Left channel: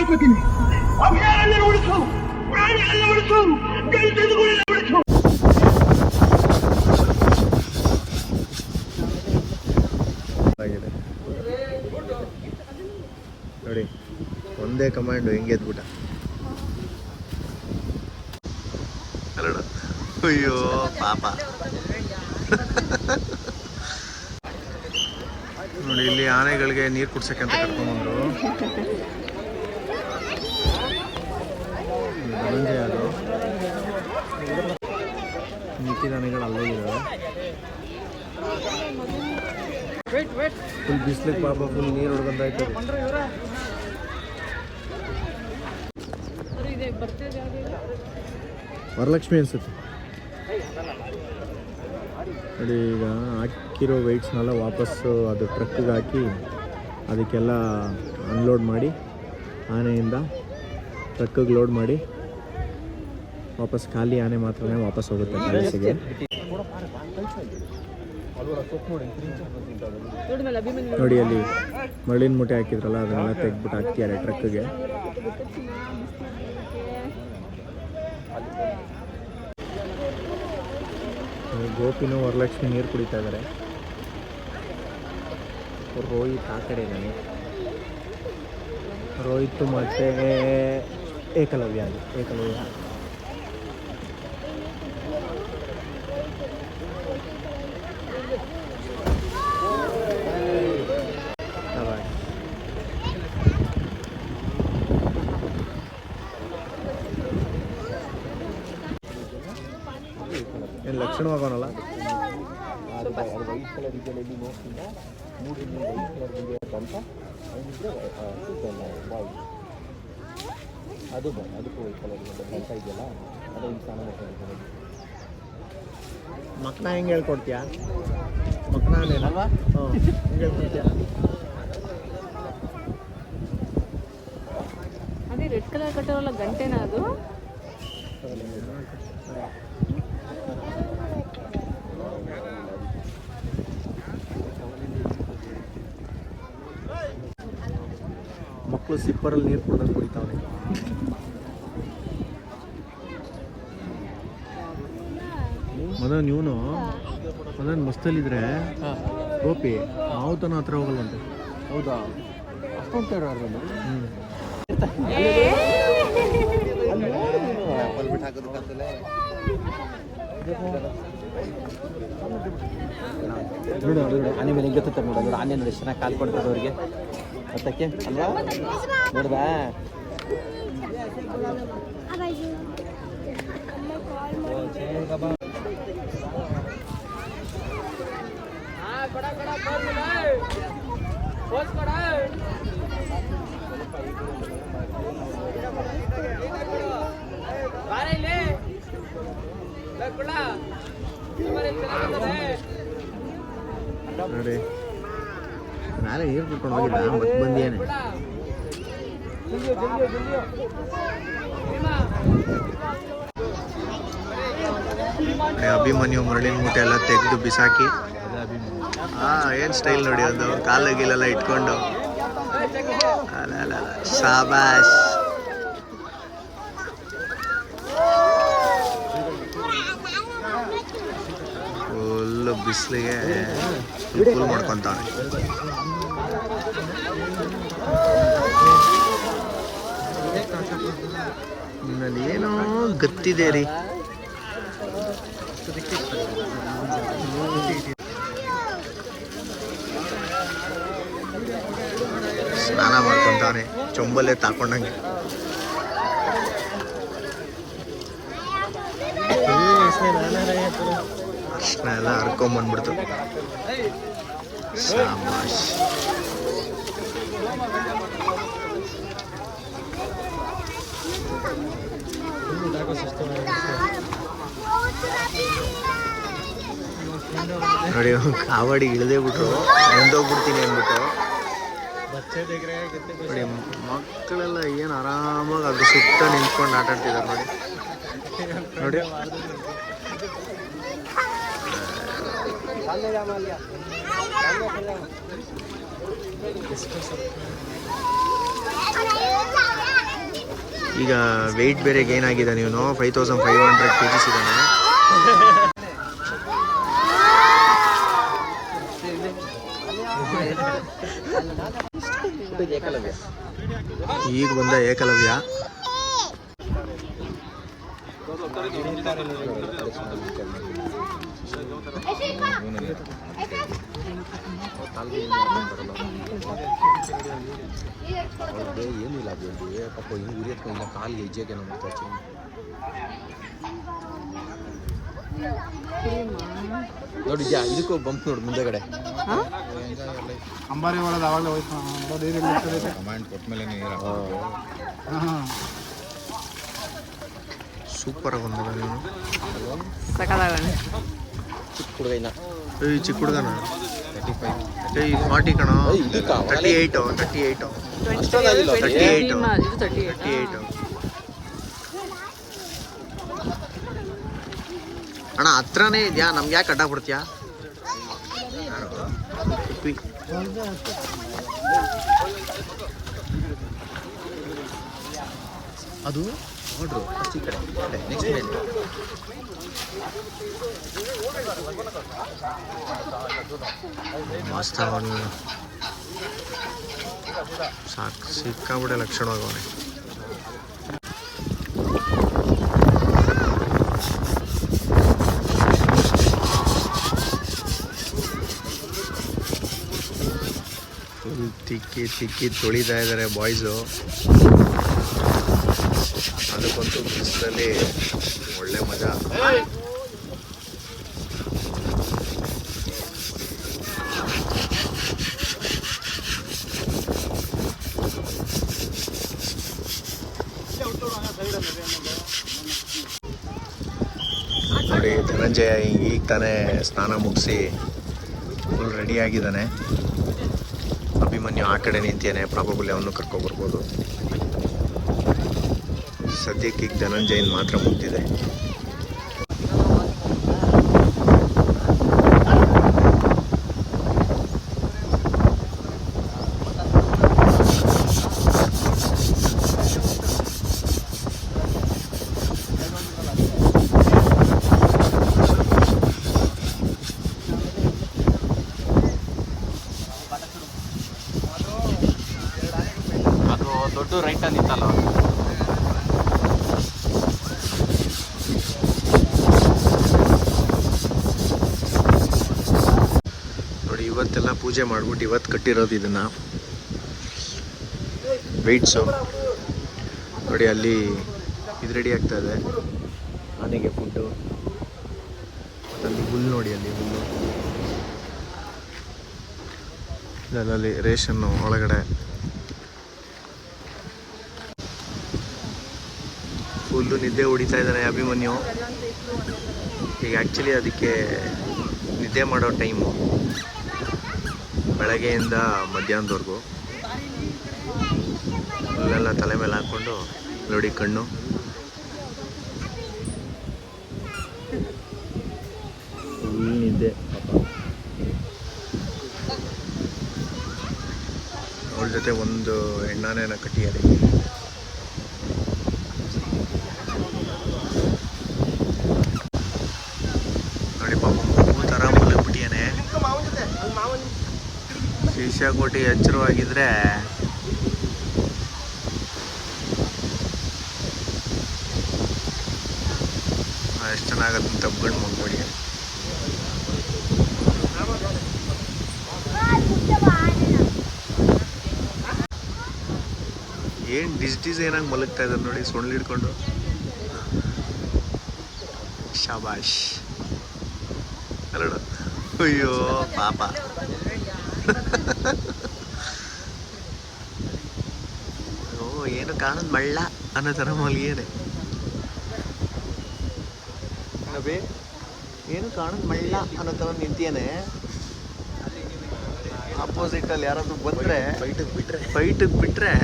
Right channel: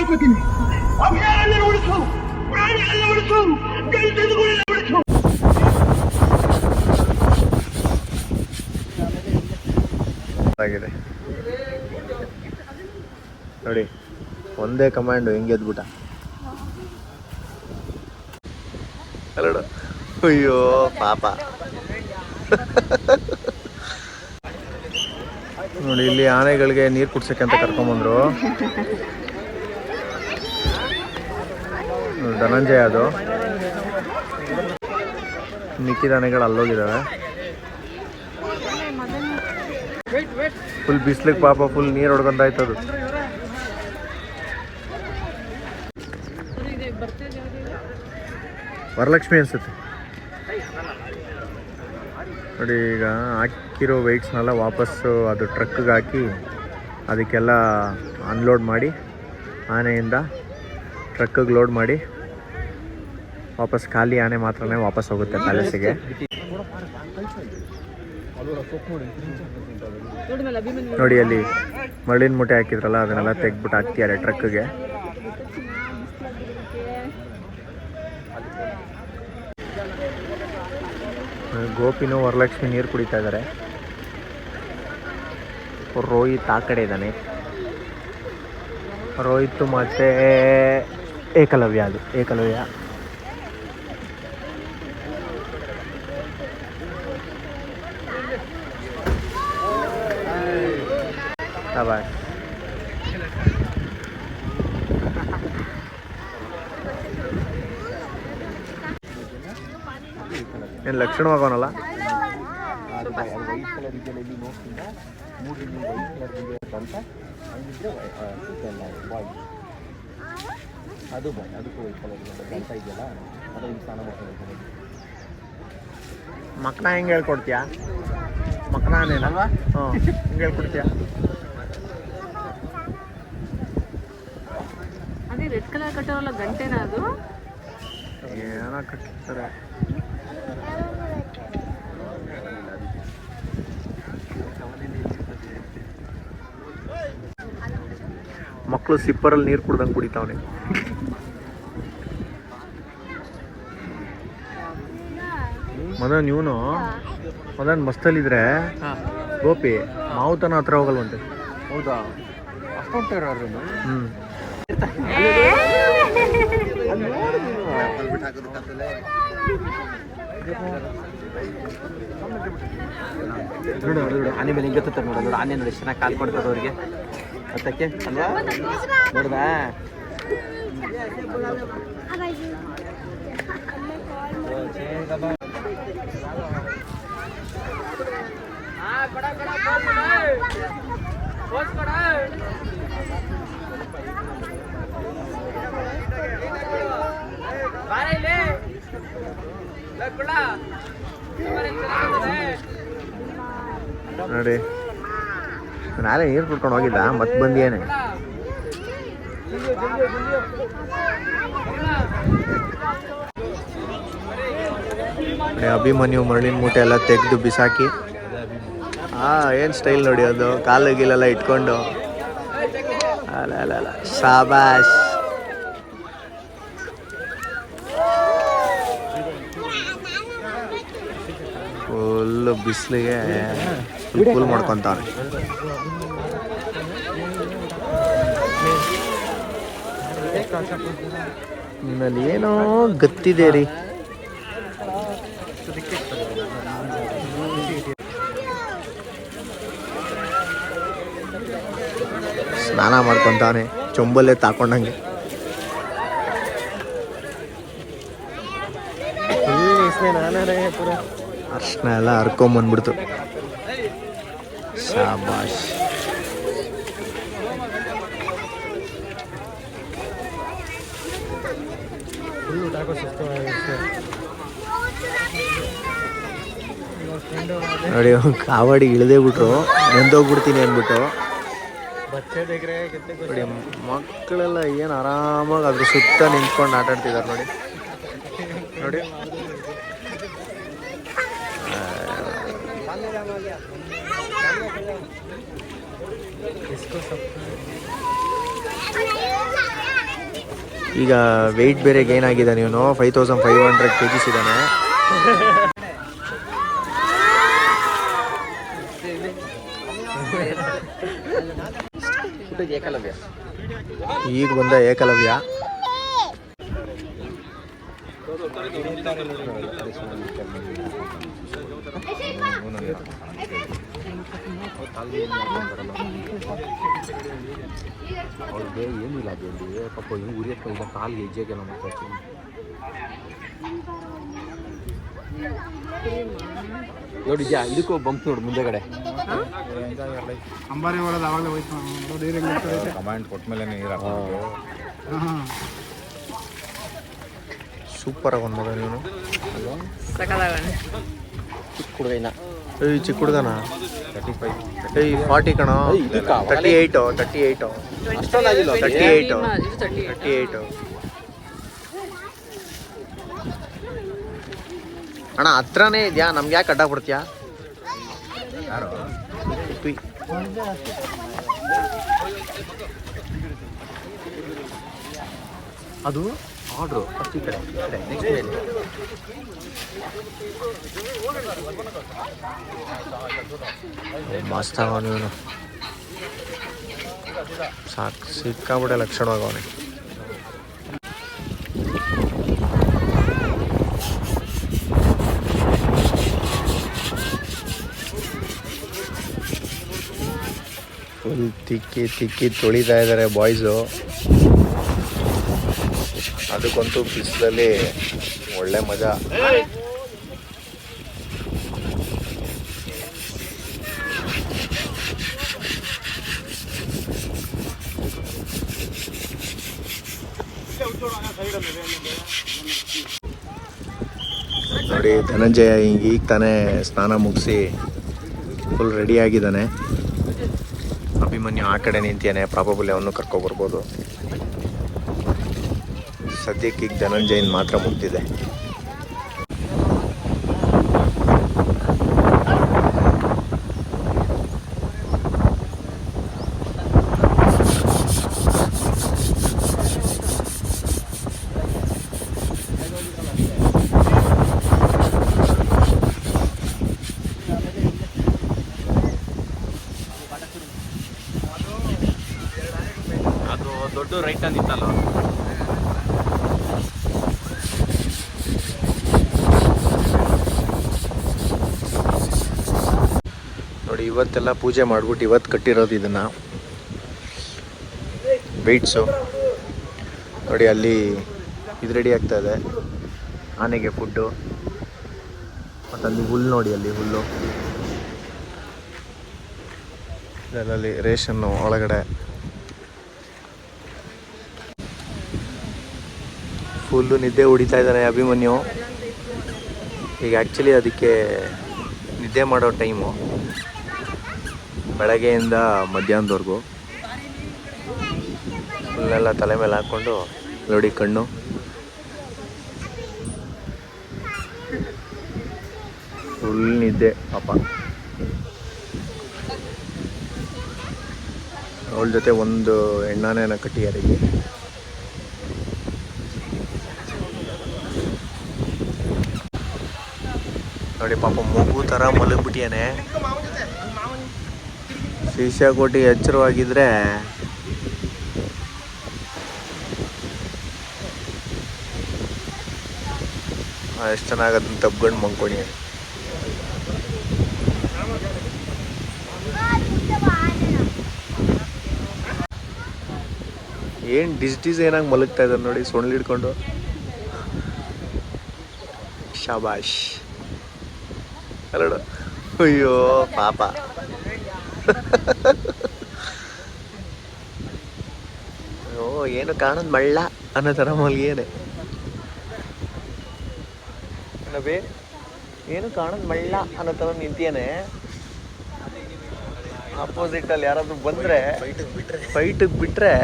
ಕೇಳ್ಕೊತೀನಿ, ಅಭಯಾರಣ್ಯ ಉಳಿಸು, ಪ್ರಾಣಿಗಳನ್ನ ಉಳಿಸು, ಗಂಟೆದುಗಳನ್ನ ಉಳಿಸು. ಆಗಿದೆ ನೋಡಿ, ಒಂದೇ ಕಮಾಂಡು ಹೆಂಗೆ ಎದ್ಬಿಟ್ಟ. ಅಲ್ಲಡ, ಅಯ್ಯೋ ಪಾಪ. ನೋಡಿ ಇಲ್ಲಿ ಆನೆಗಳಿಗೆ ನೀರು ಕುಡ್ಸಕ್ಕೆ ಅಂತ ಕರ್ಕೊಂಬಂದ್ರು. ಧನಂಜಯ ಅದು, ಮಿಕ್ಕಿದ ಆನೆಗಳು ಅಲ್ಲೋಗಿದ್ದಾವೆ. ಫುಲ್ ಬಿಸ್ಲಿಗೆ ಪಾಪ ಫುಲ್ ನೀರು ಹೊಡ್ಕೊಂತ ಆಯ್ತದು. ವರಲಕ್ಷ್ಮಿ ಅನ್ಸುತ್ತೆ ನೋಡಿ. ಈಗ ಹಾಕಿರೋ ವೆಯ್ಟ್ಸ್ನೆಲ್ಲ ವಾಪಸ್ಸು ಅದು ಟ್ರಕ್ಗೆ ಹಾಕಿ ಅದಕ್ಕೆಲ್ಲ ಅನ್ಲೋಡ್ ಮಾಡಿ, ಆನೆಯಿಂದ ಟ್ರಕ್ಕಿಗೆ ಲೋಡ್ ಮಾಡಿ ವಾಪಸ್ ಖಾಲಿ ಆನೆ ಮಾತ್ರನೇ ವಾಪಸ್ ಹೋಗುತ್ತೆ ಪ್ಯಾಲೇಸಿಗೆ. ನೋಡಿ ಅಲ್ಲಿ ಮರಳಿನ ಮೂಟೆ ಹಾಕಿದ್ರಲ್ಲ, ಅದನ್ನೆಲ್ಲ ತೆಗ್ಬಿಟ್ಟು ಹಾಕ್ತಿದ್ದಾರೆ ಟ್ರಕ್ಗೆ. ಗೋಪಿನೂ ವರಲಕ್ಷ್ಮಿ ನೀರು ಕುಡಿತಾ ಇದ್ದಾರೆ. ರೋಹಿತ್ ಆ ಕಡೆ ಇದ್ದಾನೆ. ರೋಹಿತ್ ಮತ್ತೆ ಏಕಲವ್ಯ, ಅದು ಏಕಲವ್ಯ. ಏನು ಲಕ್ಷಣವಾಗೋನಲ್ಲ. ಮಕ್ಕನ ಹೆಂಗೆ ಹೇಳ್ಕೊಡ್ತೀಯಾ? ಮಕ್ಕನೇನಲ್ವಾ? ಹ್ಞೂ, ಹೆಂಗೆ ಹೇಳ್ಕೊಡ್ತೀಯಾ? ಅದೇ ರೆಡ್ ಕಲರ್ ಕಟ್ಟಿರಲ್ಲ ಗಂಟೆನ, ಅದು ಏನೋ ಕಟ್ಟಿರ್ತಾರೆ. ಮಕ್ಕಳು ಸಿಪ್ಪರಲ್ಲಿ ನೀರು ಕುಡ್ದಂಗೆ ಕುಡಿತಾವನೆ. ಮದನ್ ಇವನು ಮದನ್ ಮಸ್ತಲ್ಲಿದ್ರೆ ಗೋಪಿ ಮಾವುತನ ಹತ್ರ ಹೋಗಲ್ವಂತೆ. ಹೌದಾ? ಅಷ್ಟೊಂದು ನೋಡು ನೋಡು, ಆನೆ ಮೇಲೆ ಹಿಂಗೆ ನೋಡ ನೋಡು. ಆನೆ ನೋಡಿ ಚೆನ್ನಾಗಿ ಕಾಲು ಕೊಡ್ತದೆ ಅವ್ರಿಗೆ ಹತ್ತಕ್ಕೆ ಅಲ್ವಾ? ನೋಡ್ದಾ? ನೋಡಿ, ನಾಳೆ ನೀರು ಕುಡ್ಕೊಂಡು ಹೋಗಿದ್ದ, ಮತ್ತೆ ಬಂದಿಯೇನೆ. ನೋಡಿ ಅಭಿಮನ್ಯು ಮರಳಿನ ಮೂಟೆ ಎಲ್ಲ ತೆಗೆದು ಬಿಸಾಕಿ, ಏನು ಸ್ಟೈಲ್ ನೋಡಿ, ಅದು ಕಾಲು ಗೀಲೆಲ್ಲ ಇಟ್ಕೊಂಡು. ಅಲ್ಲ ಶಾಬಾಷ್. ಫುಲ್ಲು ಬಿಸಿಲಿಗೆ ಫುಲ್ ಮಾಡ್ಕೊತಾನೆ. ನಿನ್ನಲ್ಲಿ ಏನೋ ಗತ್ತಿದೆ ರೀ. ಸ್ನಾನ ಮಾಡ್ಕೊತಾನೆ ಚೊಂಬಲ್ಲೇ ತಾಕೊಂಡಂಗೆ. ಅರ್ಶನ ಎಲ್ಲ ಹರ್ಕೊಂಬಂದ್ಬಿಡ್ತು. ಶಾಬಾಷ್. ನೋಡಿ ಕಾವಡಿ ಇಳಿದೇ ಬಿಟ್ರು, ನೆಂದೋಗ್ಬಿಡ್ತೀನಿ ಅಂದ್ಬಿಟ್ಟು. ನೋಡಿ ಮಕ್ಕಳೆಲ್ಲ ಏನು ಆರಾಮಾಗಿ ಅದ್ರ ಸುತ್ತ ನಿಂತ್ಕೊಂಡು ಆಟ ಆಡ್ತಿದ್ದಾರೆ ನೋಡಿ. ನೋಡಿ ಈಗ ವೆಯ್ಟ್ ಬೇರೆ ಗೇನ್ ಆಗಿದ್ದಾನೆ ಇವನು. 5500 kgs ಇದ್ದಾನೆ. ಈಗ ಬಂದ ಏಕಲವ್ಯ. ನೋಡಿ ಅಲ್ಲಿಗೂ ಬಂಪ್ ನೋಡಿ ಮುಂದೆಗಡೆ ಅಂಬಾರಿ ಒಳಗೆ ಅವಾಗ ಹೋಯ್ತು ಕಮಾಂಡ್ ಕೊಟ್ಮೇಲೆ ಸೂಪರ್ ಆಗಿ ಮಗ ನೀನು. ಚಿಕ್ಕ ಹುಡುಗನ ಏಯ್ ಚಿಕ್ಕ ಹುಡುಗನ. ಏಯ್ 40 ಕಣ. 38 ಅಣ್ಣ ಹತ್ರನೇ ಇದೆಯಾ? ನಮ್ಗೆ ಯಾಕೆ ಅಡ್ಡ ಬಿಡ್ತೀಯಾ? ಉಪ್ಪಿ ಅದು ಆರ್ಡ್ರು ಮಸ್ತ್ ಆಗ ನೀನು. ಸಾಕು ಸಿಕ್ಕಾಬಿಟ್ಟೆ ಲಕ್ಷಣವಾಗವನೆ. ಫುಲ್ ತಿಕ್ಕಿ ತೊಳಿತಾ ಇದ್ದಾರೆ ಬಾಯ್ಸು. ಅದಕ್ಕಂತೂ ಬಿಸಿಲಲ್ಲಿ ಒಳ್ಳೆ ಮಜಾ. ನೋಡಿ ಧನಂಜಯ ಈಗ ತಾನೇ ಸ್ನಾನ ಮುಗಿಸಿ ಫುಲ್ ರೆಡಿ ಆಗಿದ್ದಾನೆ. ಅಭಿಮನ್ಯು ಆ ಕಡೆ ನಿಂತಿಯಾನೆ. ಪ್ರಾಬಬಲಿ ಅವನು ಕರ್ಕೊಬರ್ಬೋದು. ಸದ್ಯಕ್ಕೆ ಈಗ ಧನಂಜಯನ್ ಮಾತ್ರ ಮುಗ್ದಿದೆ. ದೊಡ್ಡ ರೈಟ್ ನಿಂತಲ್ಲ ನೋಡಿ. ಇವತ್ತೆಲ್ಲ ಪೂಜೆ ಮಾಡ್ಬಿಟ್ಟು ಇವತ್ತು ಕಟ್ಟಿರೋದು ಇದನ್ನು ವೆಯ್ಟ್ಸು. ನೋಡಿ ಅಲ್ಲಿ ಇದು ರೆಡಿ ಆಗ್ತಾ ಇದೆ ಆನೆಗೆ ಫುಡ್ಡು. ಮತ್ತು ಅಲ್ಲಿ ಹುಲ್ಲು ನೋಡಿ, ಅಲ್ಲಿ ಹುಲ್ಲು ಇದರಲ್ಲಿ ರೇಷನ್ನು ಒಳಗಡೆ ಫುಲ್ಲು ನಿದ್ದೆ ಹೊಡಿತಾ ಇದ್ದಾನೆ ಅಭಿಮನ್ಯು. ಈಗ ಆ್ಯಕ್ಚುಲಿ ಅದಕ್ಕೆ ನಿದ್ದೆ ಮಾಡೋ ಟೈಮು ಬೆಳಗ್ಗೆಯಿಂದ ಮಧ್ಯಾಹ್ನದವರೆಗೂ. ಫುಲ್ಲೆಲ್ಲ ತಲೆ ಮೇಲೆ ಹಾಕ್ಕೊಂಡು ನೋಡಿ ಕಣ್ಣು. ಫುಲ್ ನಿದ್ದೆ ಪಾಪ. ಅವಳ ಜೊತೆ ಒಂದು ಹೆಣ್ಣಾನೇನ ಕಟ್ಟಿಯಾರಿ. ನೋಡಿ ಪಾಪ ಮಗು ಥರ ಮಲಗ್ಬಿಟ್ಟಿಯಾನೆ. ಶಿಷ್ಯ ಕೊಟ್ಟು ಎಚ್ಚರವಾಗಿದ್ರೆ ಎಷ್ಟು ಚೆನ್ನಾಗದನ್ನ ತಬ್ಕೊಂಡು ಮಲ್ಕೊಡಿ. ಏನು ಡಿಸೈನಾಗಿ ಮಲಗ್ತಾ ಇದ್ದಾರೆ ನೋಡಿ, ಸೊಳ್ಳು ಹಿಡ್ಕೊಂಡು. ಶಾಬಾಷ್ ಅಲ್ಲಡ. ಅಯ್ಯೋ ಪಾಪ. ಓ ಏನು ಕಾಣೋದು ಮಳ್ಳ ಅನ್ನೋ ಥರ ಮಲ್ಗೇನೆ ನಬಿ. ಏನು ಕಾಣೋದು ಮಳ್ಳ ಅನ್ನೋ ಥರ ನಿಂತಿಯಾನೆ. ಆಪೋಸಿಟಲ್ಲಿ ಯಾರಾದರೂ ಬಂದರೆ ಫೈಟಿಗೆ ಬಿಟ್ಟರೆ